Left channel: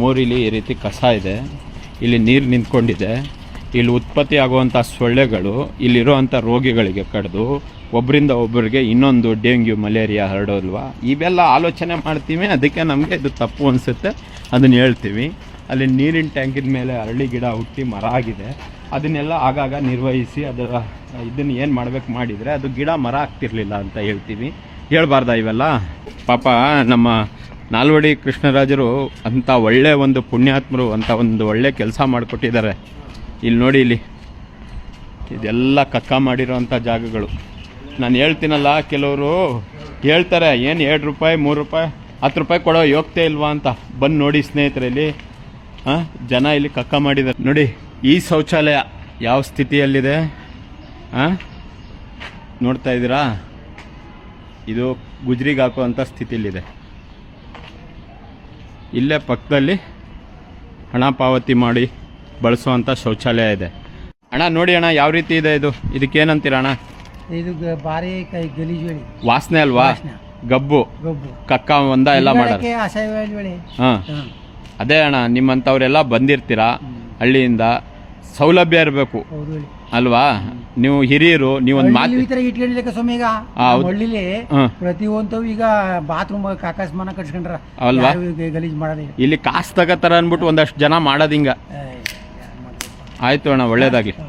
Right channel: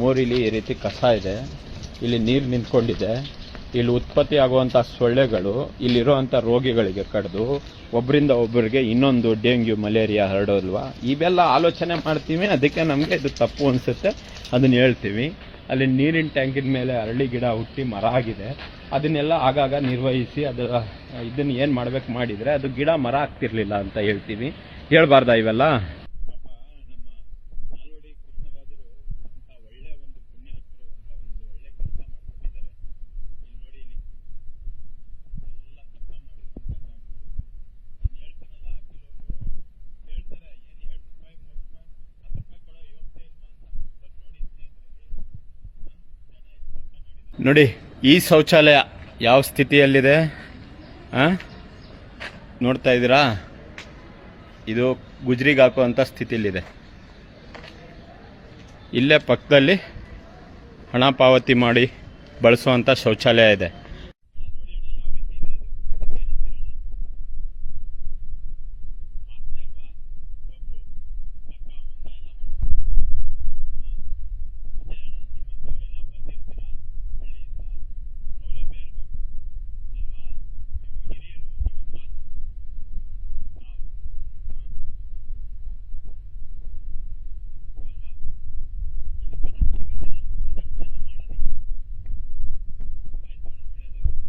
ಮೋರಿಲಿ ಈ ರೀತಿ ಕಸ ಇದೆ, ಇಲ್ಲಿ ನೀರು ನಿಂತ್ಕೊಂಡಿದೆ, ಇಲ್ಲಿ ಉತ್ಪತ್ತಿ ಆಗುವಂಥ ಸೊಳ್ಳೆಗಳು ಇಲ್ಲಿರುವಂಥ ರೋಗಿಗಳಿಗೆ ಕಡಿದು ಒಬ್ಬರಿಂದ ಒಬ್ಬರಿಗೆ ಇನ್ನೊಂದು ಡೆಂಗ್ಯೂ ಮಲೇರಿಯಾ ಹರಡೋಲ್ವಾ. ಇವೆಲ್ಲ ಆಲೋಚನೆ ಮಾಡ್ತೀವಿ, ಅದಕ್ಕೆ ನಮಗೆ ಇದು ತಪ್ಪು ಅನಿಸುತ್ತೆ, ಅದನ್ನು ಹೇಳ್ತೀವಿ. ಅಲ್ಲಿ ನೀರಿನ ಟ್ಯಾಂಕಿನ ಮೇಲೆ ಅರಳಿ ಗಿಡ ಹುಟ್ಟಿ ಮರ ಆಗಿದೆ, ಅದನ್ನೆಲ್ಲ ಆಗಾಗ ನಿರ್ವಹಿಸಿ ಇದನ್ನು ಏನು ಮಾಡಬೇಕು ಮಾಡಿದರೆ ಅದು ಗಿಡ ಮರ ಆಗ್ತಿರ್ಲಿಲ್ಲ ಅಂತ ಹೇಳ್ತೀವಿ. ಹೇಳ್ಬಾರ್ದ ಇವೆಲ್ಲ? ಪಾಪ ನಮ್ಮ ನಾಲ್ವಡಿ ಕೃಷ್ಣರಾಜರು ಅಂಥ ಒಳ್ಳೆ ಒಂದು ಪುಣ್ಯಾತ್ಮರು, ಅಂಥ ಒಂದು ಒಳ್ಳೆ ಕೆಲಸ ಮಾಡಿಕೊಟ್ಟಿದ್ದಾರೆ. ಇಲ್ಲಿ ನೋಡಿ, ಇಲ್ಲಿ ಇದೆಲ್ಲ ಕಕ್ಕ ಮಾಡಿರೋಂಥ ಜಾಗಗಳು. ನಾನು ಹೇಳ್ತೀನಲ್ಲ, ಕೆಲವರು ಹೇಳ್ತಾರೆ ಏನು 2 ರೂಪಾಯಿ 3 ರೂಪಾಯಿ 10 ರೂಪಾಯಿ ಕೊಡೋ ಯೋಗ್ಯತೆ ಇಲ್ವಾ ಅಂತ. ಬಂದು ನೋಡಿ ಸ್ನೇಹಿತರೆ, ಇಲ್ಲಿ ಜನ ಇಲ್ಲಿ ಕಕ್ಕ ಮಾಡಿದ್ದಾರೆ ನೋಡಿ. ಈ ಶೌಚಾಲಯ ಯಾವ ಸ್ಥಿತಿಯಲ್ಲಿದೆ ನೋಡ್ತಾ ಇದ್ದೀರಾ? ಇದು ಗುಜ್ರಿಗೆ ಹಾಕುವಂಥ ಸ್ಥಿತಿಯಲ್ಲಿದೆ. ಇಲ್ಲೇ ಪಕ್ಕದಲ್ಲಿ ಹಣ ಪಾವತಿ ಮಾಡಿ ಬಳಸುವಂಥ ಶೌಚಾಲಯ ಇದೆ. ಅಣ್ಣ ನೋಡಿ ಅಣ್ಣ, ಯಾವ ರೀತಿ ಇದೆ ಇದು, ಇದಕ್ಕೇನಂತೀರ ಅಣ್ಣ? ಇದು ಭಾರಿ ಗಲೀಜು ವಾಸನೆ ಅಲ್ವಾ? ಗಬ್ಬು ಕಕ್ಕ ಒಂದ ಎಲ್ಲ ಮಾಡೋದು. ಹಾಂ, ಅದೇ ಅಣ್ಣ, ನಿಮ್ಮಂಥವ್ರೆಲ್ಲ ಬಂದಿರ್ತೀರಾ ಹಳ್ಳಿಯಿಂದ, ಸೌಲಭ್ಯ ಇರಬೇಕು ಅಲ್ವಾ? ನೀವು ಹಿರಿಯರು, ನೀವೊಂದು ಮಾತು ಇಟ್ಕೊಂಡಿಲ್ಲ ಸ್ವಾಮಿ. ಈಗ ಹಳ್ಳಿಲಿ ಪ್ರತಿಯೊಂದು ಈಗ ಬಾತ್ರೂಮ್ ಕಾಕಾಸ್ಮಾನ ಕಟ್ಸ್ಕೊಂಡ್ರ ಅಲ್ವಾ? ಗಲೀಜ್ ಮಾಡೋದು ಇಲ್ಲಿ ಕಾಸು ತಗೋತಾರ ಅನ್ಬಿಟ್ಟು ಒಂದಷ್ಟು ಜನ ಮಾಡೋದು ಹಿಂಗ. ಆಯ್ತು ಅಣ್ಣ, ಒಳ್ಳೇದಾಗ್ಲಿ.